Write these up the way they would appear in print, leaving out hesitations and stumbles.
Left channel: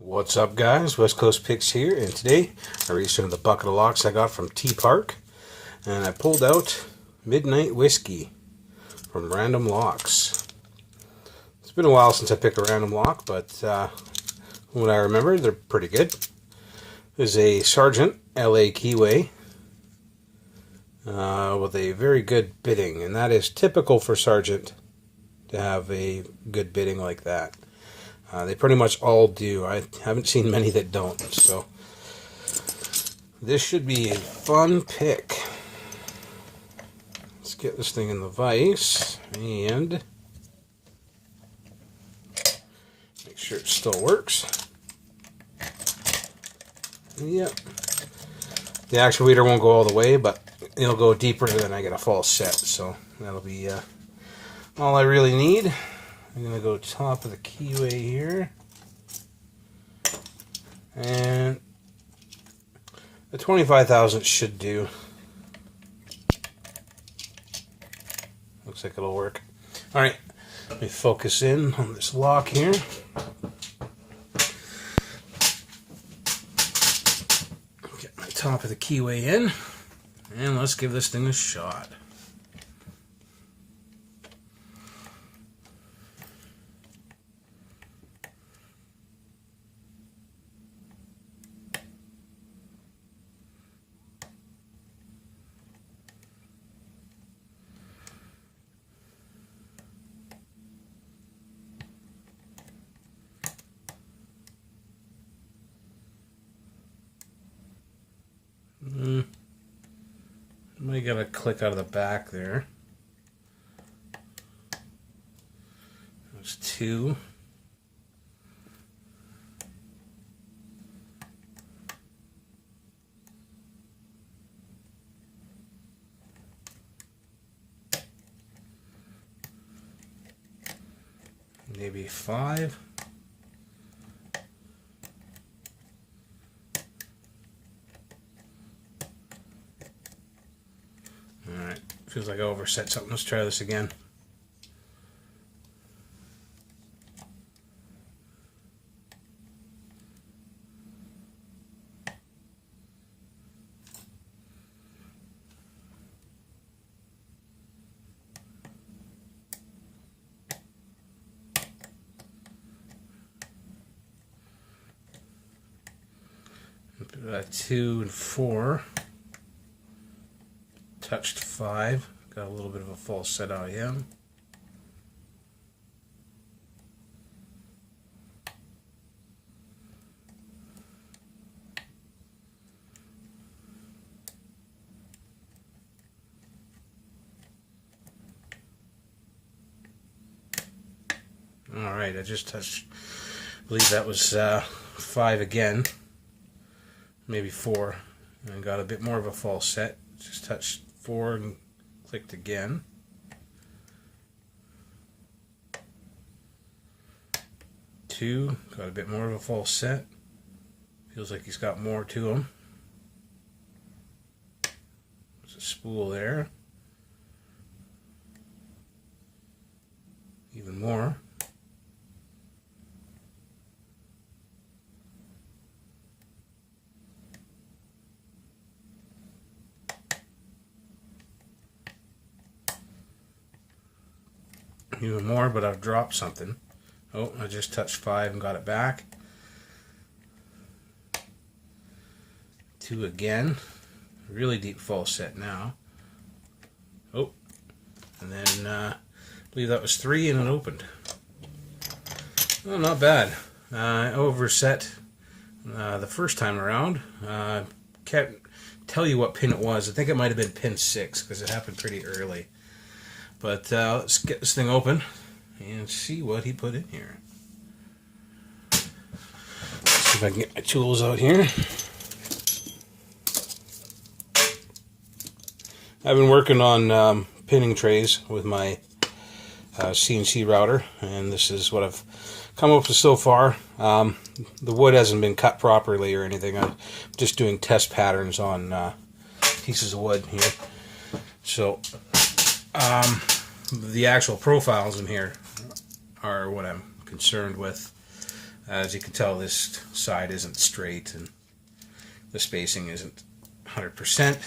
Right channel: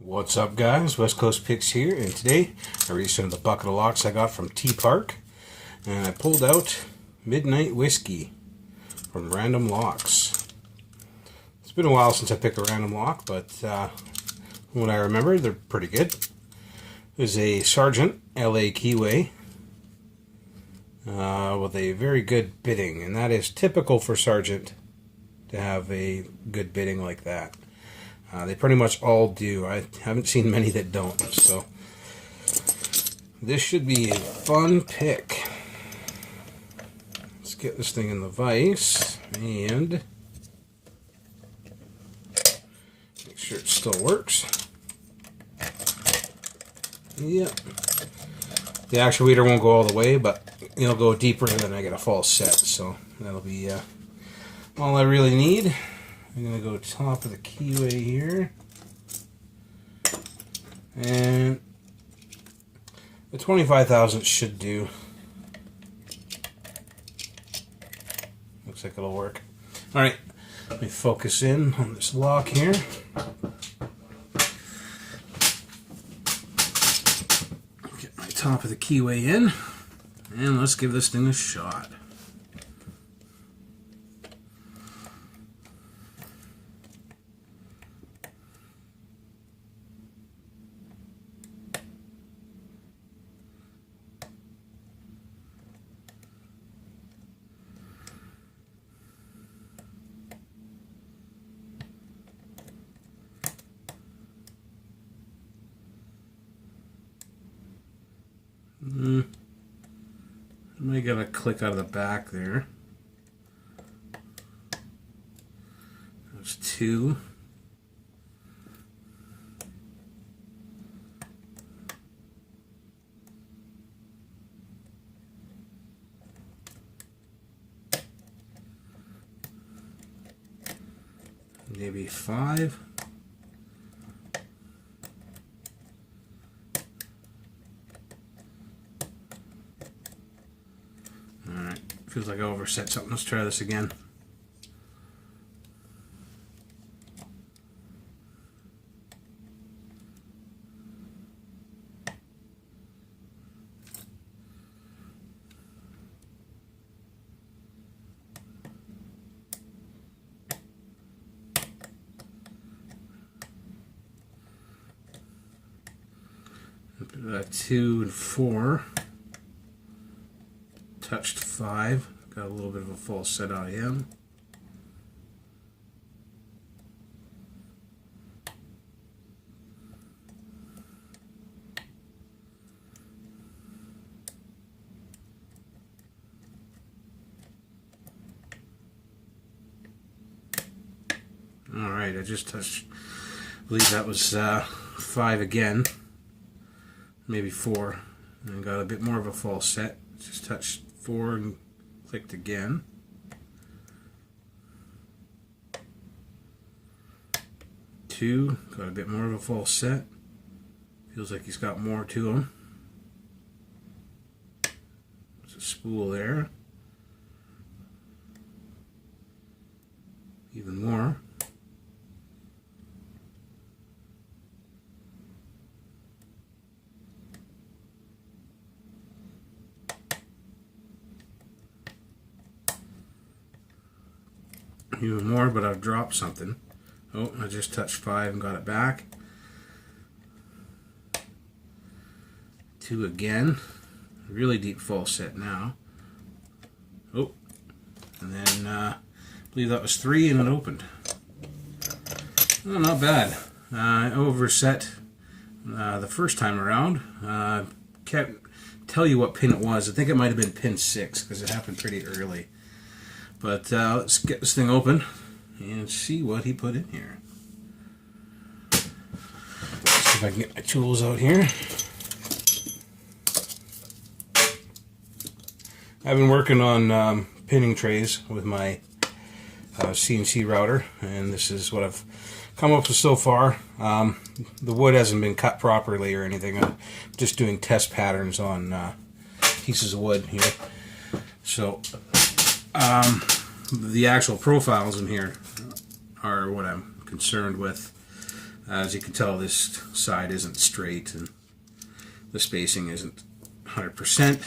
What's up, guys? West Coast Picks here, and today I reached into the bucket of locks I got from T Park, and I pulled out Midnight Whiskey from Random Locks. It's been a while since I picked a random lock, but when I remember, they're pretty good. There's a Sergeant LA Keyway with a very good bidding, and that is typical for Sergeant to have a good bidding like that. They pretty much all do. I haven't seen many that don't. So this should be a fun pick. Let's get this thing in the vise and make sure it still works. Yep. The actuator won't go all the way, but it'll go deeper than I get a false set. So that'll be all I really need. I'm going to go top of the keyway here, and the 25,000 should do. Looks like it'll work. Alright, let me focus in on this lock here. Get my top of the keyway in, and let's give this thing a shot. Might gotta click out of the back there. That's two. Maybe five. Feels like I overset something. Let's try this again. Two and four. Touched five. Got a little bit of a false set out of him. Alright, I just touched, I believe that was five again. Maybe four. And got a bit more of a false set. Just touched four and clicked again. Two, got a bit more of a false set. Feels like he's got more to him. There's a spool there. Even more. Even more, but I've dropped something. Oh, I just touched five and got it back. Two again. Really deep false set now. Oh, and then I believe that was three and it opened. Oh, not bad. I overset the first time around. Can't tell you what pin it was. I think it might have been pin 6 because it happened pretty early. But let's get this thing open and see what he put in here. Let's see if I can get my tools out here. I've been working on pinning trays with my CNC router, and this is what I've come up with so far. The wood hasn't been cut properly or anything. I'm just doing test patterns on pieces of wood here. So the actual profiles in here are what I'm concerned with. As you can tell, this side isn't straight and the spacing isn't 100%,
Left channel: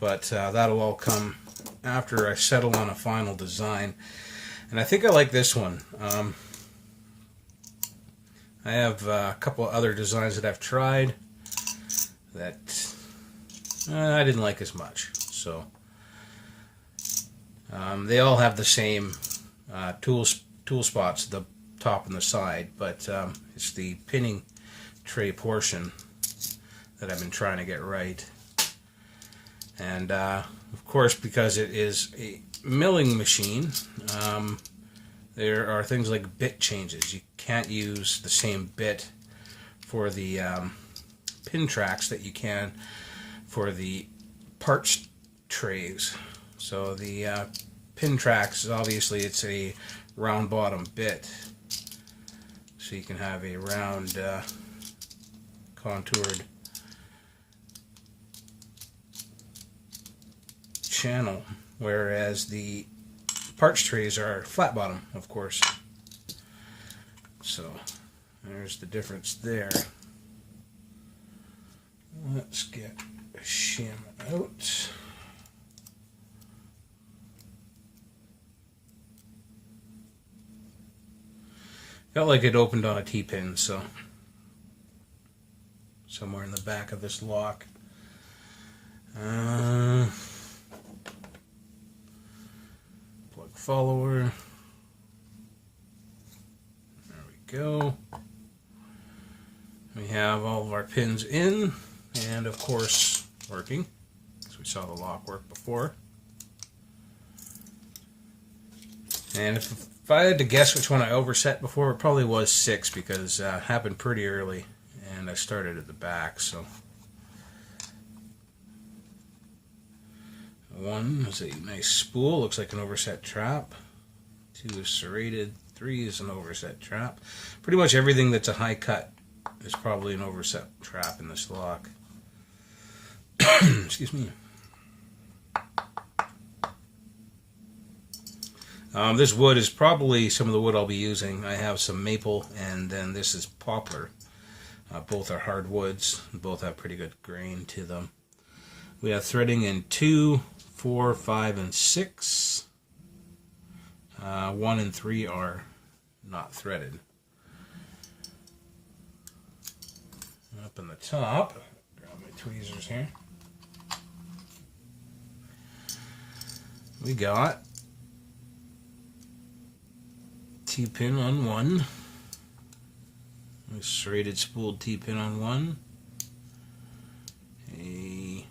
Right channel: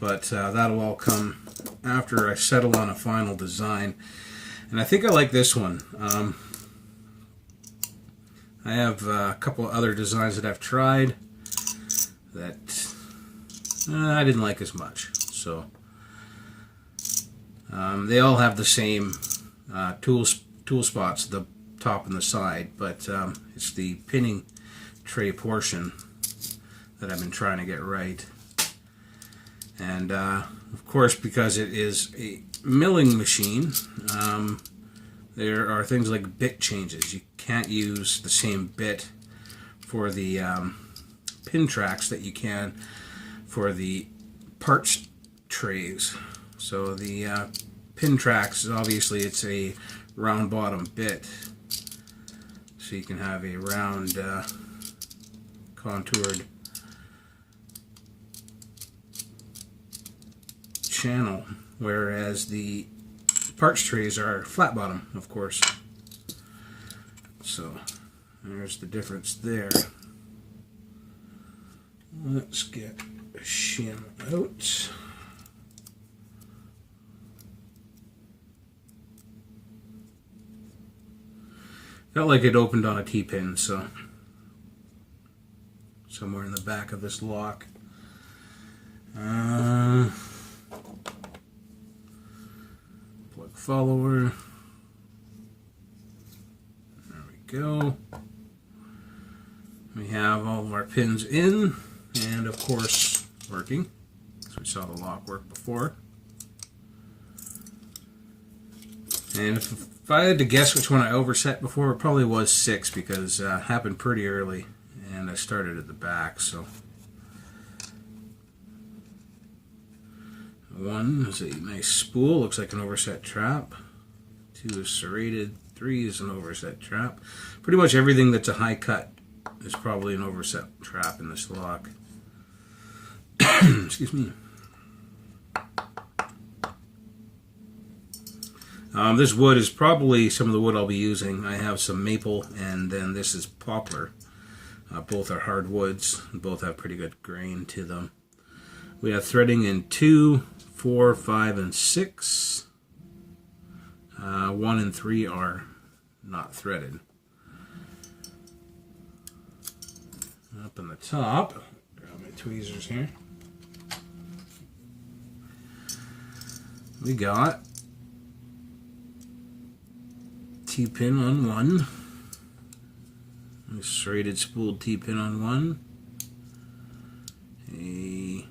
but that'll all come after I settle on a final design. And I think I like this one. I have a couple of other designs that I've tried that I didn't like as much. So they all have the same tool spots, the top and the side, but it's the pinning tray portion that I've been trying to get right. And of course, because it is a milling machine, there are things like bit changes. You can't use the same bit for the pin tracks that you can for the parts trays. So the pin tracks, obviously it's a round bottom bit, so you can have a round contoured channel, whereas the parts trays are flat bottom, of course. So there's the difference there. Let's get a shim out. Felt like it opened on a T-pin, so somewhere in the back of this lock. Plug follower. There we go. We have all of our pins in, and of course working. So we saw the lock work before. And if I had to guess which one I overset before, it probably was 6, because it happened pretty early and I started at the back. So 1 is a nice spool, looks like an overset trap. 2 is serrated. 3 is an overset trap. Pretty much everything that's a high cut is probably an overset trap in this lock. Excuse me. This wood is probably some of the wood I'll be using. I have some maple, and then this is poplar. Both are hardwoods. Both have pretty good grain to them. We have threading in 2, 4, 5, and 6. 1 and 3 are not threaded. Up in the top, grab my tweezers here. We got T-pin on 1, a serrated spooled T-pin on 1, a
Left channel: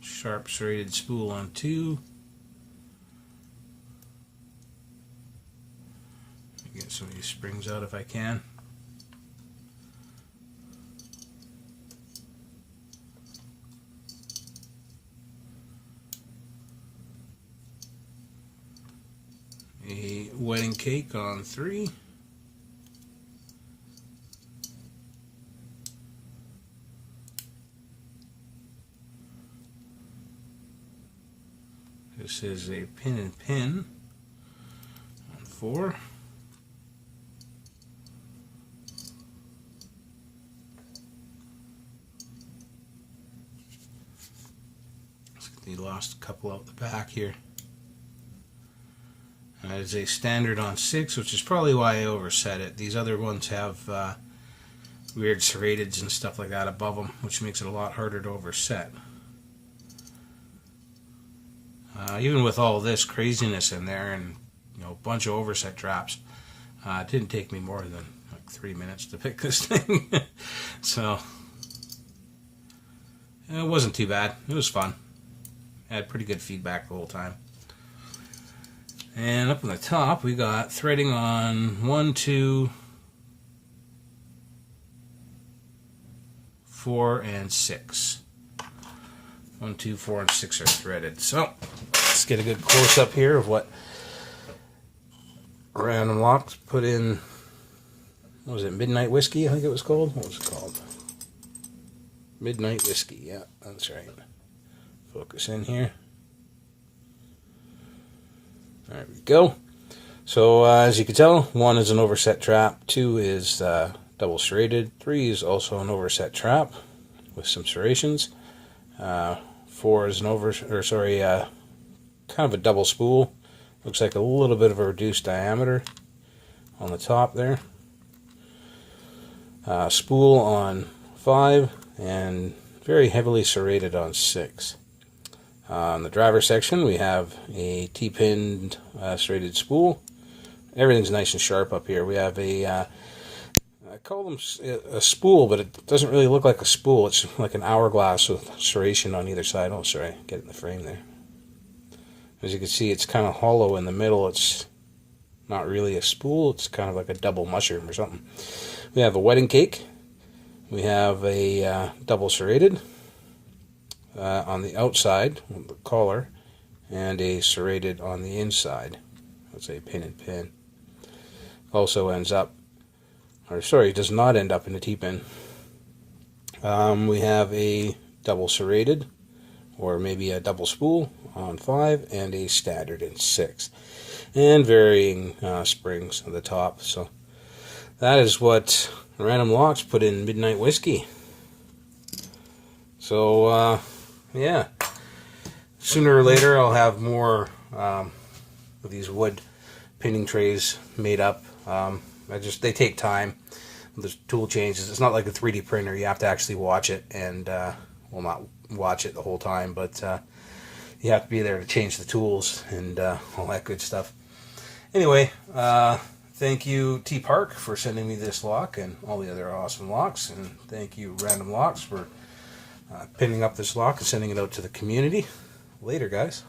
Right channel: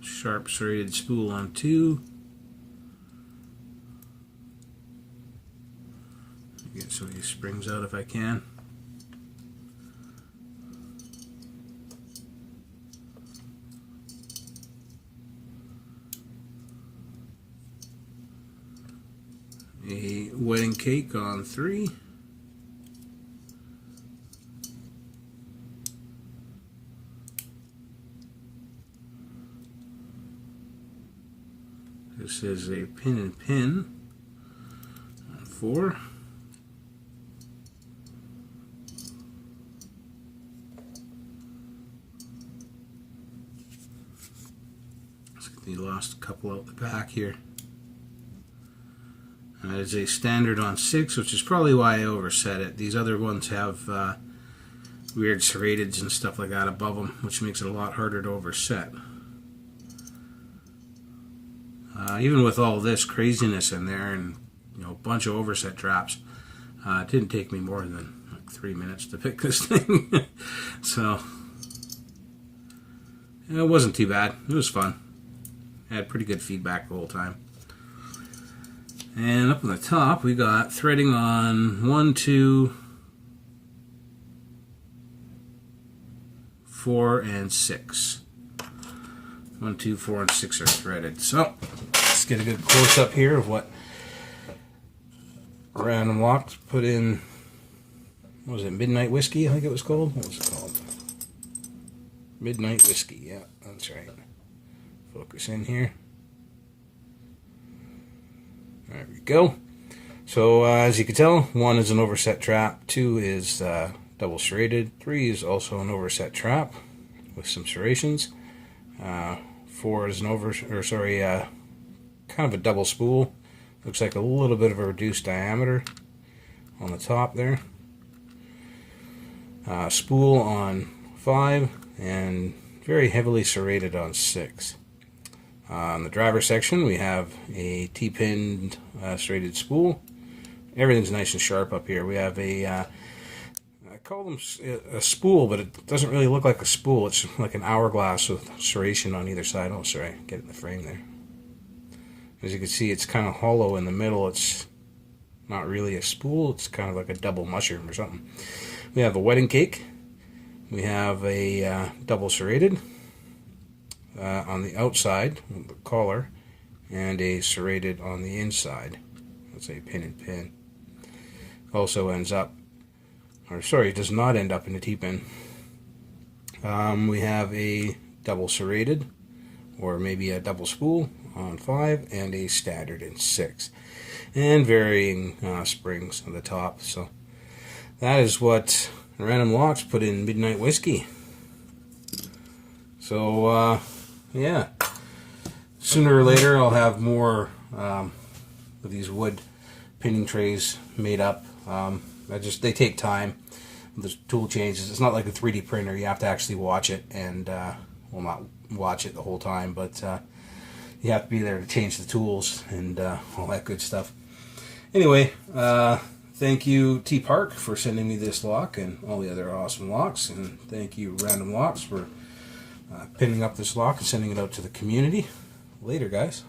sharp serrated spool on 2. Get some of these springs out if I can. A wedding cake on 3. This is a pin and pin on 4. We lost a couple out the back here. That is a standard on 6, which is probably why I overset it. These other ones have weird serrateds and stuff like that above them, which makes it a lot harder to overset. Even with all this craziness in there and a bunch of overset traps, it didn't take me more than like 3 minutes to pick this thing. So it wasn't too bad. It was fun. I had pretty good feedback the whole time. And up on the top, we got threading on 1, 2, 4, and 6. 1, 2, 4, and 6 are threaded. So let's get a good close up here of what Random Lock put in. What was it? Midnight Whiskey, I think it was called. What was it called? Midnight Whiskey. Yeah, that's right. Focus in here. There we go. So as you can tell, 1 is an overset trap, 2 is double serrated, 3 is also an overset trap with some serrations, 4 is an kind of a double spool. Looks like a little bit of a reduced diameter on the top there. Spool on 5 and very heavily serrated on 6. On the driver section we have a T-pinned serrated spool. Everything's nice and sharp up here. We have I call them a spool, but it doesn't really look like a spool. It's like an hourglass with serration on either side. Oh, sorry, get it in the frame there. As you can see, it's kind of hollow in the middle. It's not really a spool. It's kind of like a double mushroom or something. We have a wedding cake. We have a double serrated on the outside with the collar, and a serrated on the inside. That's a pin and pin. Also ends up, or sorry, does not end up in a T-pin. We have a double serrated, or maybe a double spool on 5, and a standard in 6, and varying springs at the top. So that is what Random Locks put in Midnight Whiskey. So yeah, sooner or later I'll have more of these wood pinning trays made up. They take time. There's tool changes. It's not like a 3D printer. You have to actually watch it, and well, not watch it the whole time, but you have to be there to change the tools and all that good stuff. Anyway, thank you T Park for sending me this lock and all the other awesome locks, and thank you Random Locks for pinning up this lock and sending it out to the community. Later, guys.